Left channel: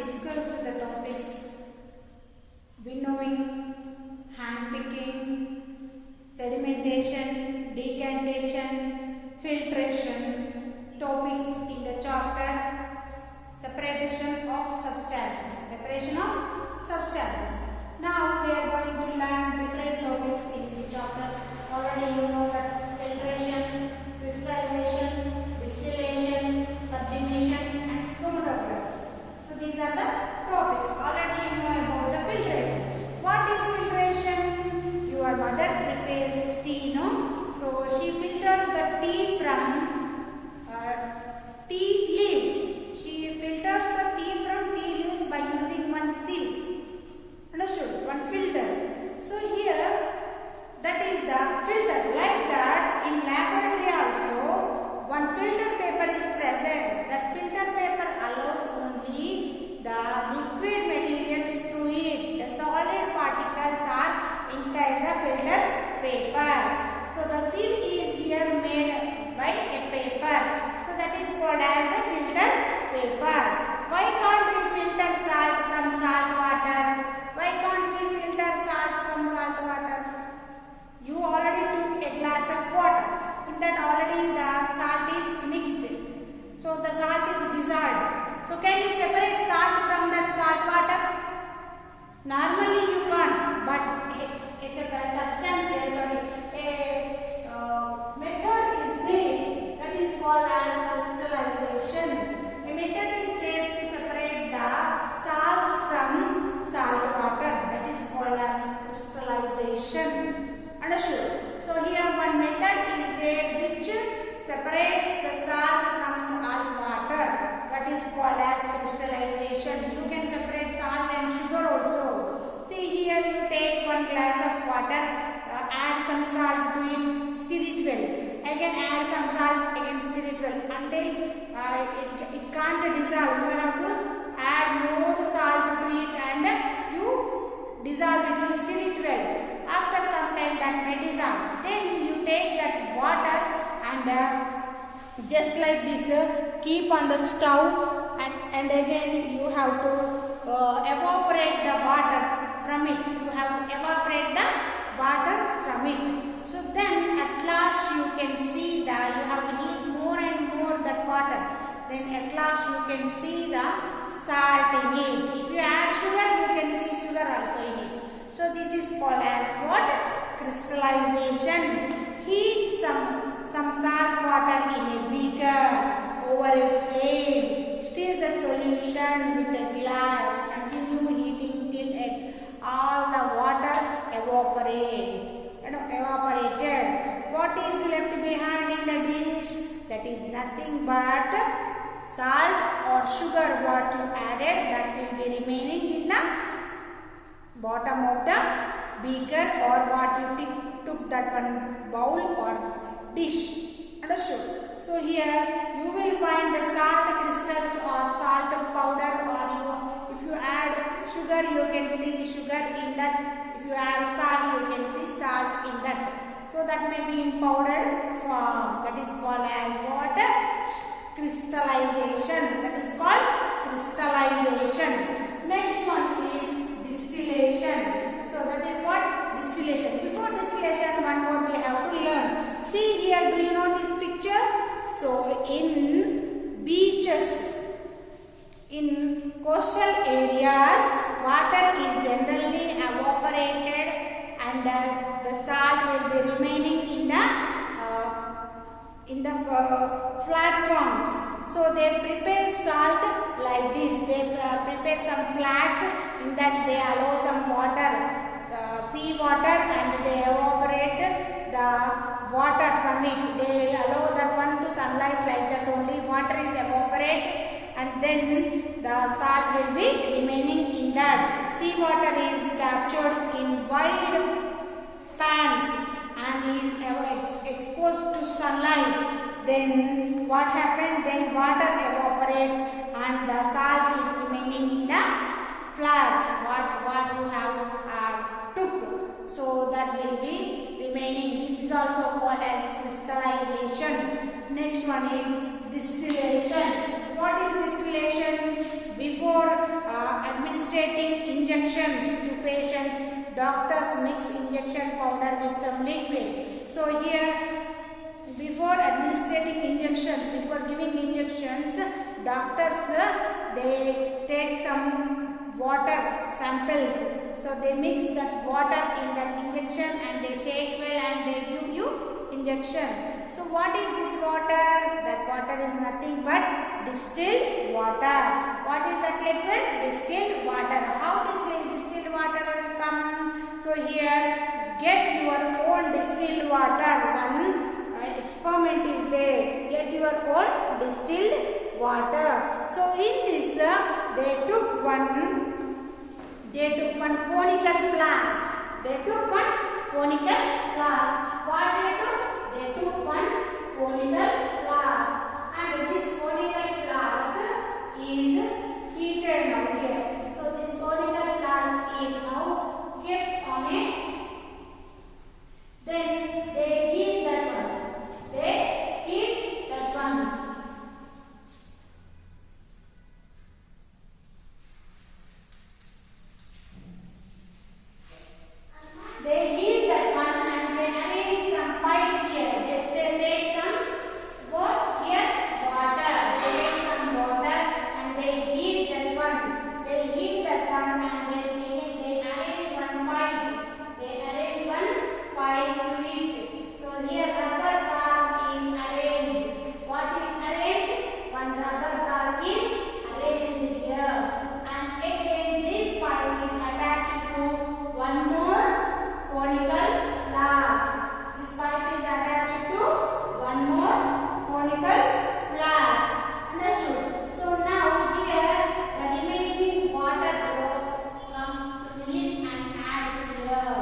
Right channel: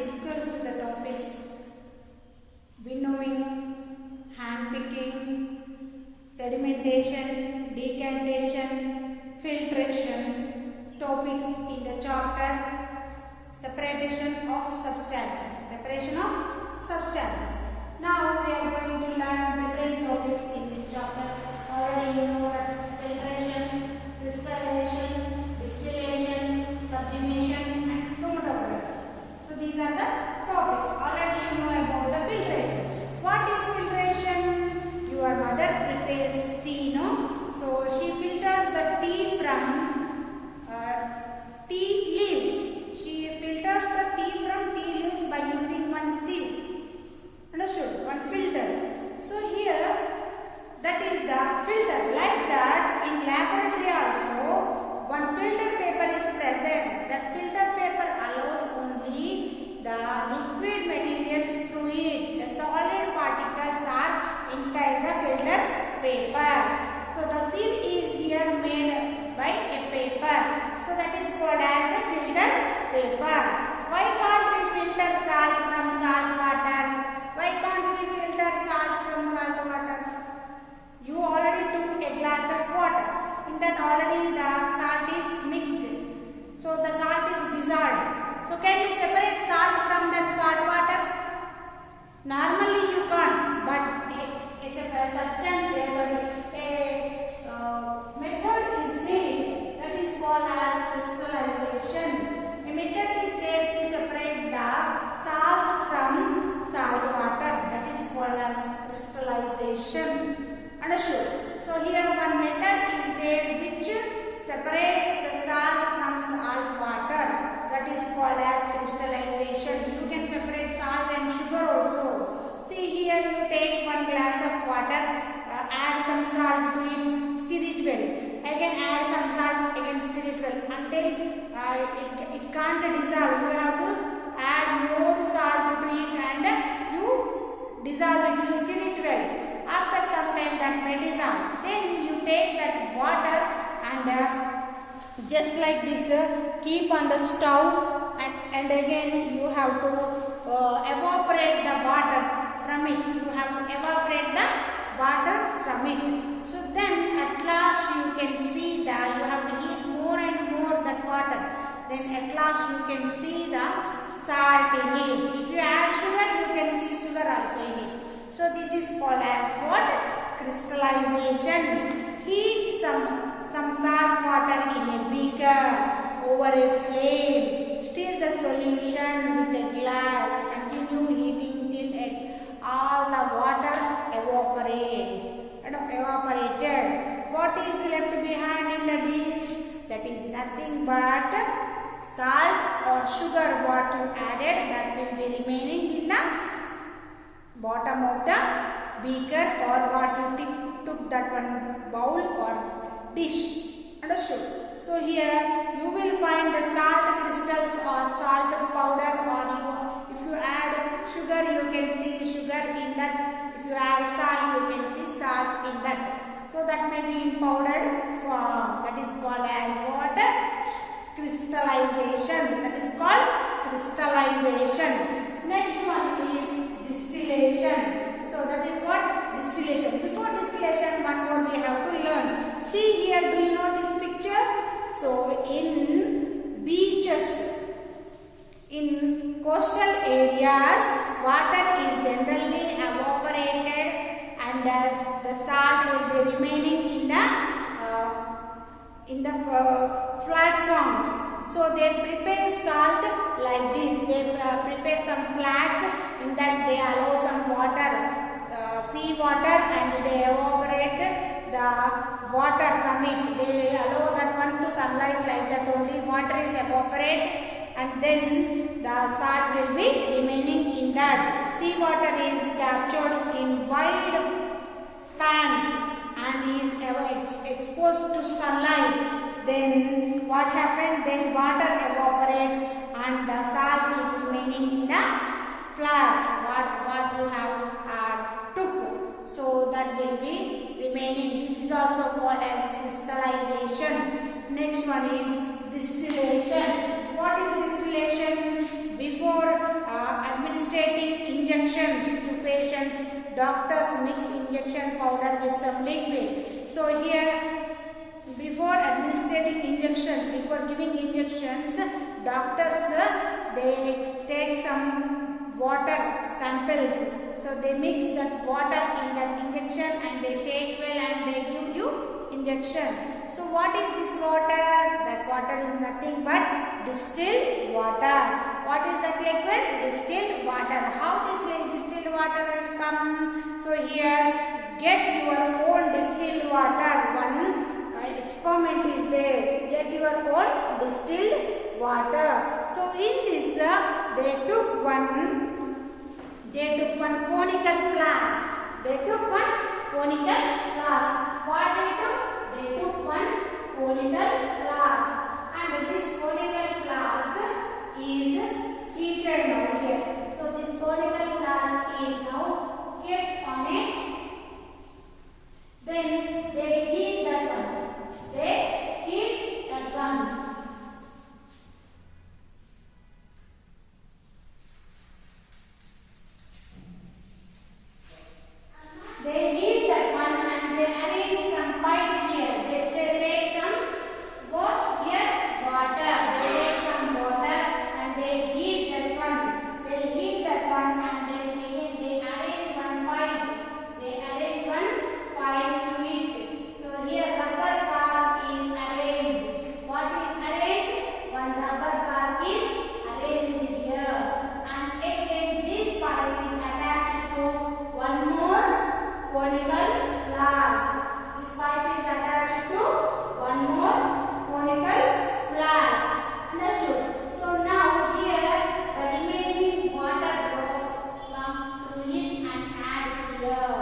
discussed the topics winnowing, hand picking, sedimentation, decantation, filtration, topics in the chapter separation of substances. Separation of substances. Now we are going to learn different topics in this chapter. Already you know that filtration, crystallization, distillation, sublimation and chromatography. So these are the topics. Already you know about the filtration. What is filtration? Your mother prepares tea, no? So she filters the tea from tea leaves. She filters the tea from tea leaves by using one sieve. Understood? One filter. So here that is the filter. Like that in laboratory also one filter paper is present. That filter paper allows only the liquid materials through it. The solid particles are inside the filter paper. So the sieve is here made by a paper. So that is called as the filter paper. Why can't we filter salt from salt water? Why can't we filter salt from salt water? You already took a glass of water. In that already the salt is mixed. So the salt is dissolved. So can you separate salt from that salt water? Normally you can't. But a substance, a method is there that is called as crystallization. A method is there to separate the salt from salt water. That is called as crystallization. Understood? So here one method is there which separates the salt from salt water. That is called as crystallization. You can separate salt and sugar also. See here you take one glass of water, add some salt to it, stir it well. Again add some salt, again stir it well until it can't dissolve. You have to add more salt to it and you dissolve it, you stir it well. After some time that may dissolve. Then you take that water and just like this keep on the stove and again you have to evaporate the water from it. You have to evaporate the water from it. So then at last you can see that you have to heat more and more that water. Then at last you can see the salt in it. If you add sugar, you can see sugar also in it. So this is called as what? Crystallization. Heat some salt water in a beaker over a flame. Stir the solution with a glass. Continue heating till all the water evaporated. What is left behind in the dish? That is nothing but salt or sugar what you added, that will be remaining in the bottom of the beaker or what you took that one bowl or dish. Understood? So here you will find the salt crystals or salt powder, or if you add sugar you can see sugar in that. If you add salt you can see salt in that. So that may be in powdered form. That is called as what? Crystallization. That is called crystallization. Next one is distillation. So that is what? Distillation. Before distillation, one more we have to learn. See here, do you know this picture? So in beaches, in coastal areas, water is generally evaporated and the salt will be remaining in the platforms. So they prepare salt like this. They prepare some flats. In that they allow some water, sea water, and they evaporate the water from it. They allow that one to sunlight like that only. Water is evaporated and then the salt will be remaining in that. Sea water is captured in wide pans and is exposed to sunlight. Then what happens? Then water evaporates and the salt is remaining in the flats what you have took. So that will be remaining. This is also called as crystallization. Next one is distillation. What is distillation? Before administrating injections to patients, doctors mix injection powder with some liquid. So here, before administrating injections, before giving injections, doctors they take some water samples. So they mix that water in that injection and they shake well and they give you injection. So what is this water? That water is nothing but distilled water. What is that liquid? Distilled water. How this distilled water will come? So here, get your own distilled water. One experiment is there. Get your own distilled water. So in this, they took one conical flask. They took one conical flask. What they took? They took one conical flask. And this conical flask is heated now here. So this conical flask is now kept on it. Then they heat that one. They heat that one. They heat that one and they arrange some pipe here. They take some what here? Water. They take some water and they heat that one. They heat that one and then again they arrange one pipe. They arrange one pipe to it. So here rubber car is arranged. What is arranged? One rubber car is arranged here. And again this pipe is attached to one more conical flask. This pipe is attached to one more conical flask. Understood? So now here the remaining water drops come to it and add here.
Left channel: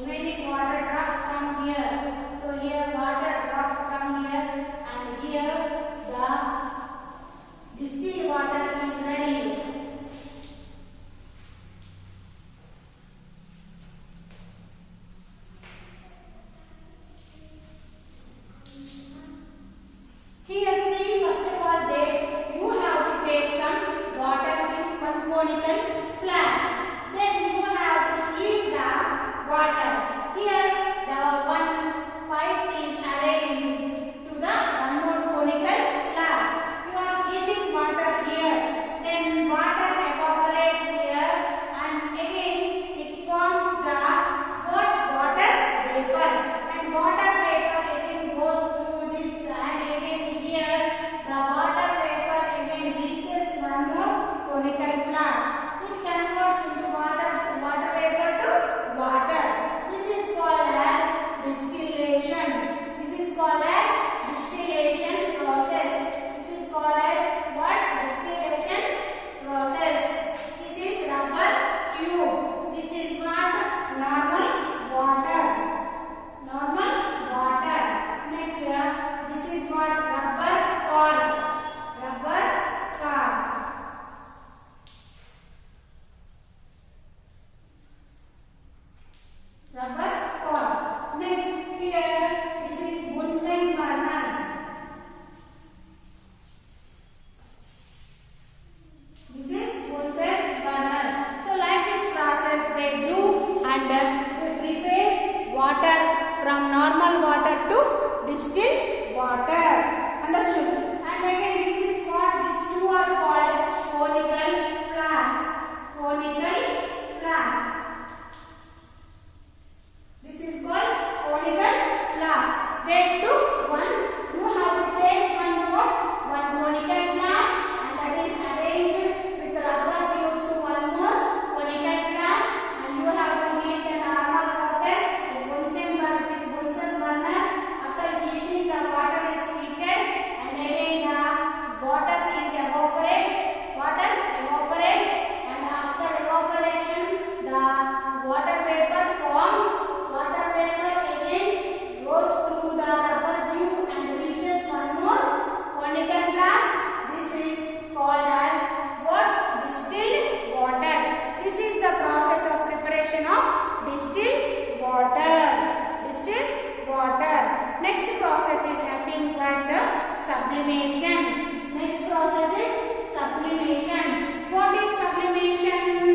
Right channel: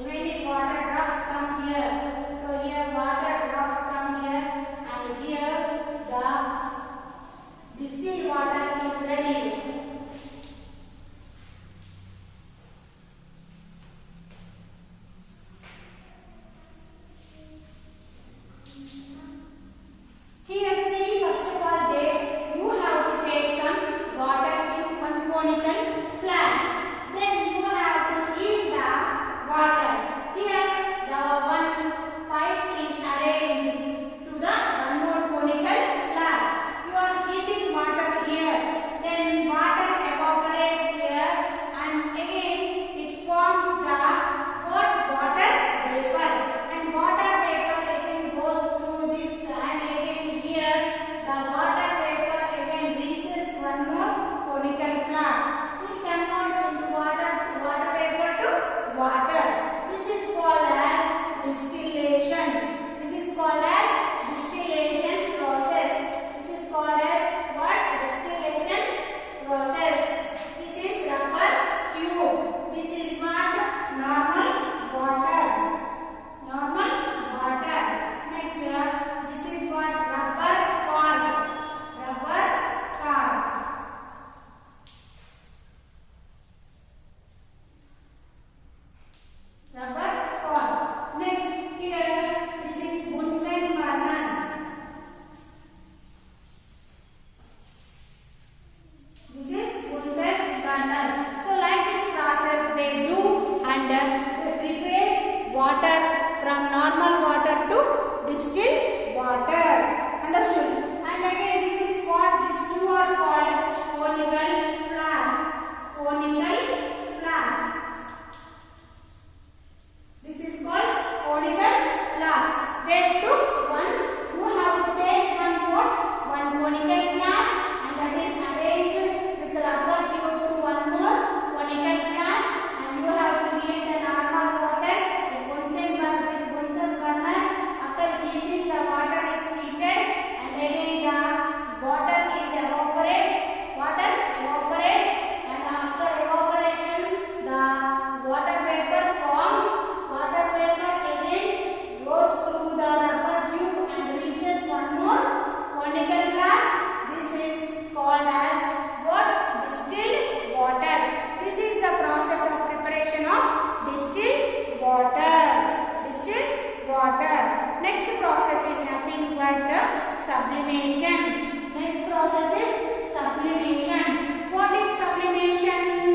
Remaining water drops come here. So here water drops come here and here the distilled water is ready. Here see, first of all you have to take some water in one conical flask. Then you have to heat the water. Here the one pipe is arranged to the one more conical flask. You are heating water here. Then water evaporates here and again it forms the water vapor. And water vapor again goes through this and again here the water vapor again reaches one more conical flask. It converts into water vapor to water. This is called as distillation. This is called as distillation process. This is called as what? Distillation process. This is rubber tube. This is what? Normal water. Normal water. Next this is what? Rubber cork. Rubber cork. Rubber cork. Next here this is Bunsen burner. This is Bunsen burner. So like this process they do and they prepare water from normal water to distilled water. Understood? And again this is what these two are called conical flask. Conical flask. This is called conical flask. They took one. You have to take one conical flask and that is arranged with rubber tube to one more conical flask and you have to heat the normal water with Bunsen burner. After heating the water is heated and again the water evaporates and after evaporation the water vapor forms. Water vapor again goes through the rubber tube and reaches one more conical flask. This is called as what? Distilled water. This is the process of preparation of distilled water. Distilled water. Next process is nothing but sublimation. Next process is sublimation. What is sublimation?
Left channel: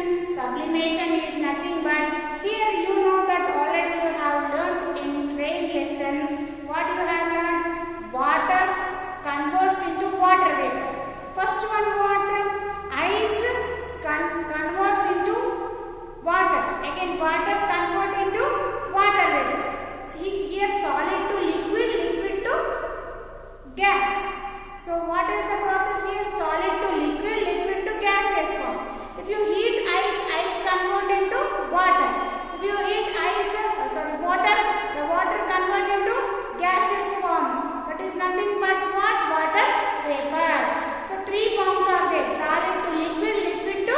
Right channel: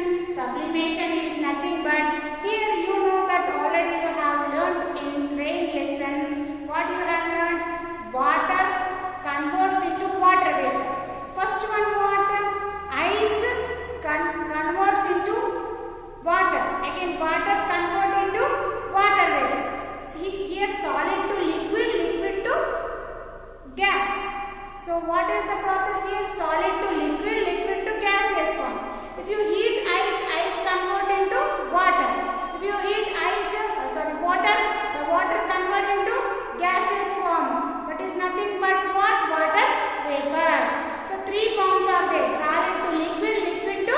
converts into water. Again water convert into water vapor. See here solid to liquid, liquid to gas. So what is the process here? Solid to liquid, liquid to gaseous form. If you heat ice, ice convert into water. If you heat water, the water convert into gaseous form. That is nothing but what? Water vapor. So three forms are there: solid to liquid, liquid to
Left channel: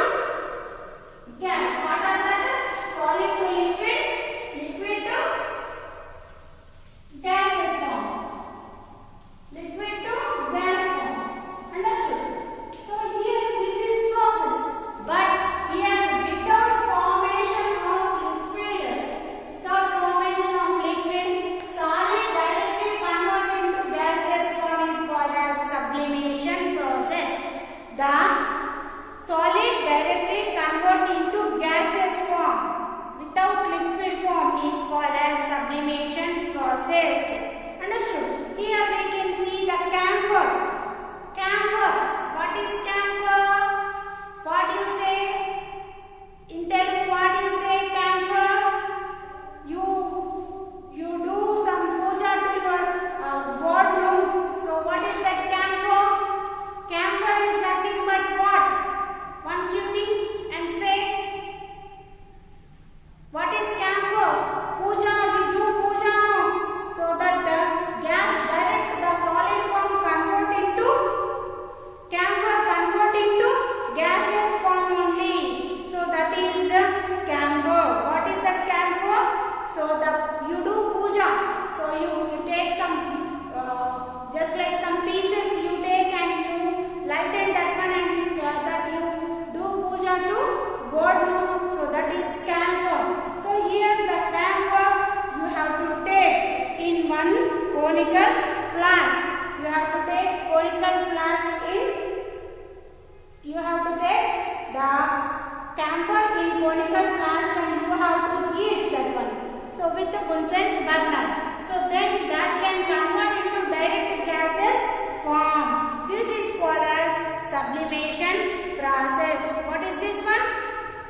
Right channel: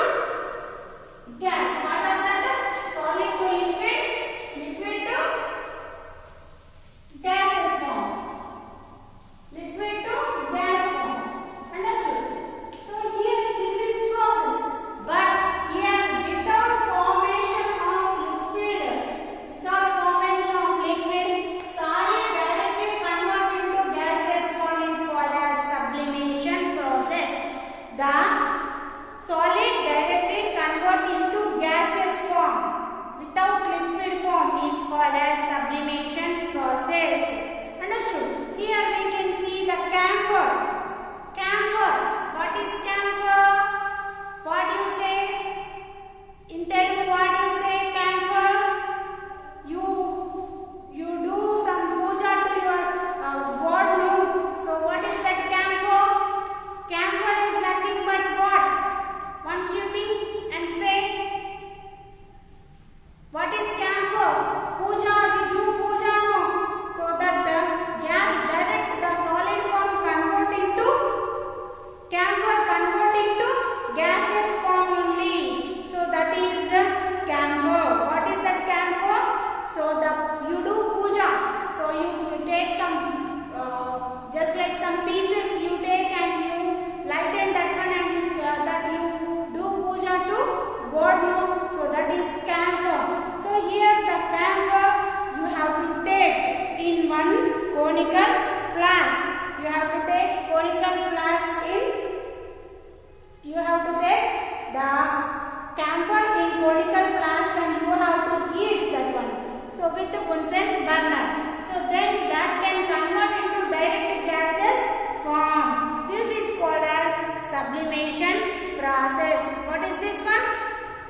gas. What are that? Solid to liquid, liquid to gaseous form, liquid to gas form. Understood? So here this is process, but here without formation of liquid, solid directly convert into gaseous form is called as sublimation process. The solid directly convert into gaseous form without liquid form is called as sublimation process. Understood? Here we can see the camphor. Camphor. What is camphor? What do you say? In Telugu, what do you say? Camphor. You do some puja to your god, no? So what is that camphor? Camphor is nothing but what? Once you think and say, what is camphor? Puja, we do puja, no? So that the gas direct the solid form convert into camphor, convert into gaseous form only. So that is camphor. What is that camphor? So you do puja. So you take some just like some pieces you take and you lighten that one and you do puja to God, no? So that is camphor. So here the camphor you have to take in one conical flask. You have to take conical flask in. You have to take the camphor in conical flask and you have to heat that one. So with the Bunsen burner. So then that can convert into direct gases form. This is called as sublimation process. What is this one?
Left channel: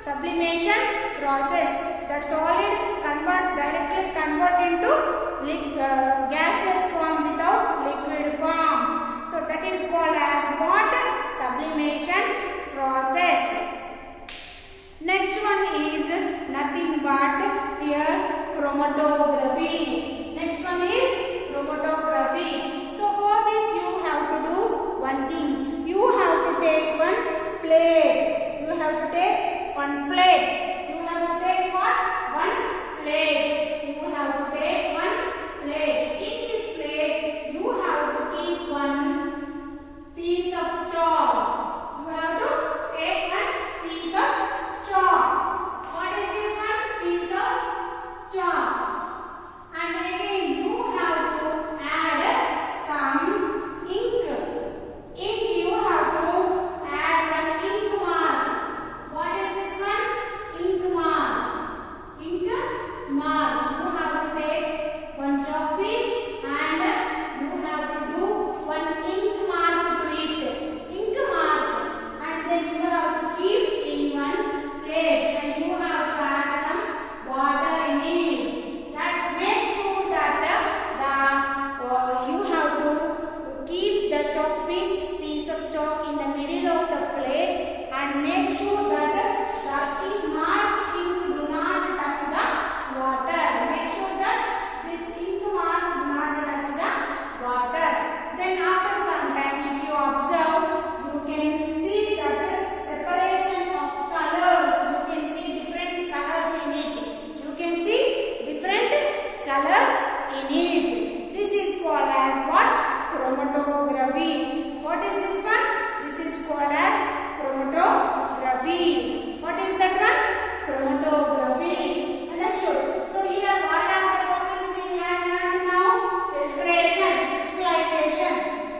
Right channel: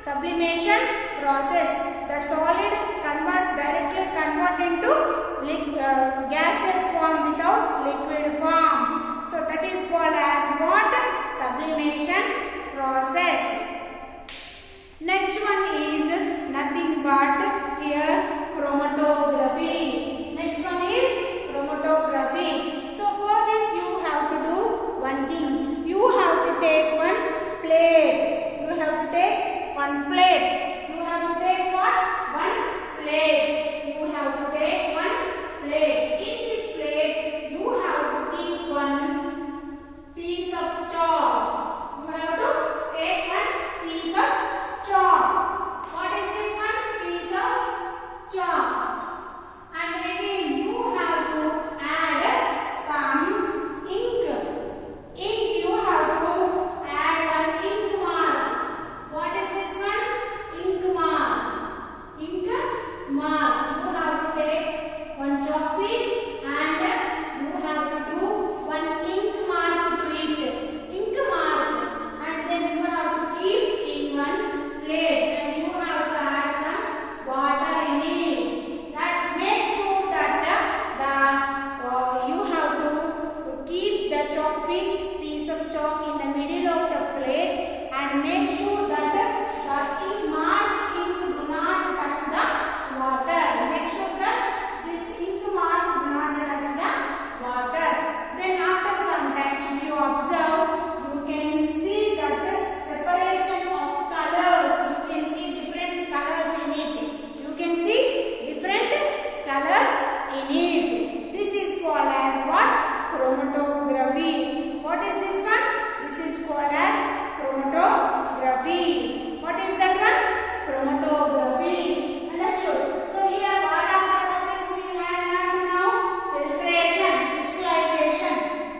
Sublimation process. That solid directly convert into gaseous form without liquid form. So that is called as what? Sublimation process. Next one is nothing but here chromatography. Next one is chromatography. So for this you have to do one thing. You have to take one plate. You have to take one plate. You have to take what? One plate. You have to take one plate. In this plate you have to keep one piece of chalk. You have to take one piece of chalk. What is this one? Piece of chalk. And again you have to add some ink. Ink you have to add one ink mark. What is this one? Ink mark. Ink mark. You have to take one chalk piece and you have to do one ink mark to it. Ink mark. And then you have to keep in one plate and you have to add some water in it. That make sure that you have to keep the chalk piece of chalk in the middle of the plate and make sure that the ink mark do not touch the water. Make sure that this ink mark do not touch the water. Then after some time, if you observe, you can see that separation of colors. You can see different colors in it. You can see different colors in it. This is called as what? Chromatography. What is this one? This is called as chromatography. What is that one? Chromatography. Understood? So here what are the topics we have learned now? Filtration, crystallization.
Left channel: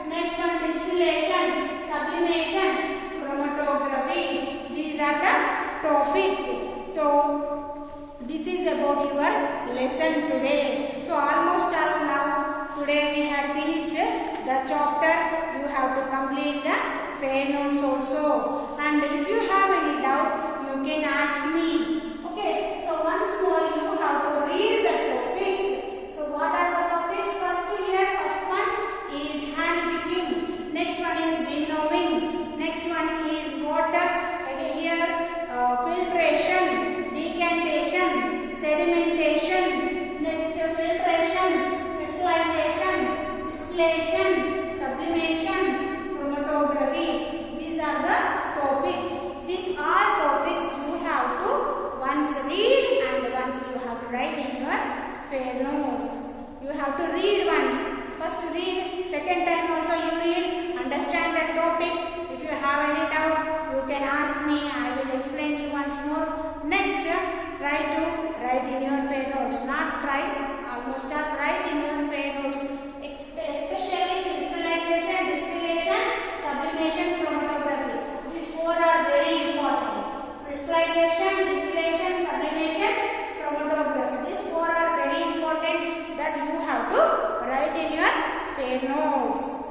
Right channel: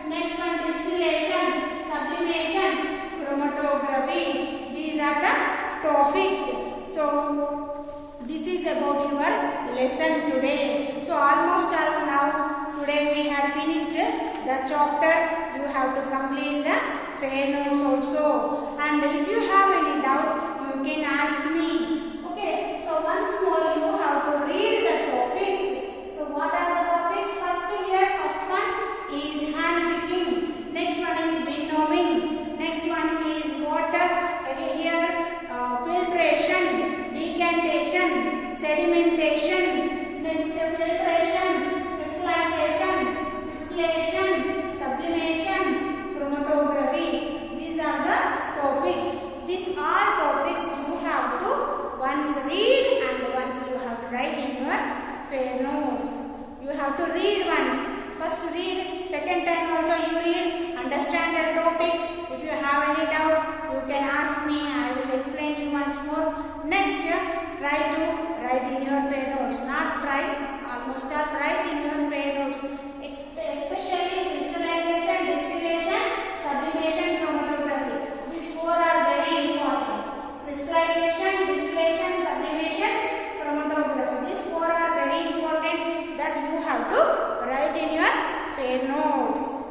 Next one distillation, sublimation, chromatography. These are the topics. So this is about your lesson today. So almost now today we had finished the chapter. You have to complete the fair notes also. And if you have any doubt, you can ask me. Okay, so once more you have to read the topics. So what are the topics? First one is handpicking. Next one is winnowing. Next one is water. Filtration, decantation, sedimentation. Next filtration, crystallization, distillation, sublimation, chromatography. These are the topics. These are topics you have to once read and once you have to write in your fair notes. You have to read once. First read, second time also you read, understand the topic. If you have any doubt, you can ask me. I will explain you once more. Next, try to write in your fair notes. Not try, almost all write in your fair notes. Especially crystallization, distillation, sublimation, chromatography. These four are very important. Crystallization, distillation, sublimation, chromatography. These four are very important that you have to write in your fair notes.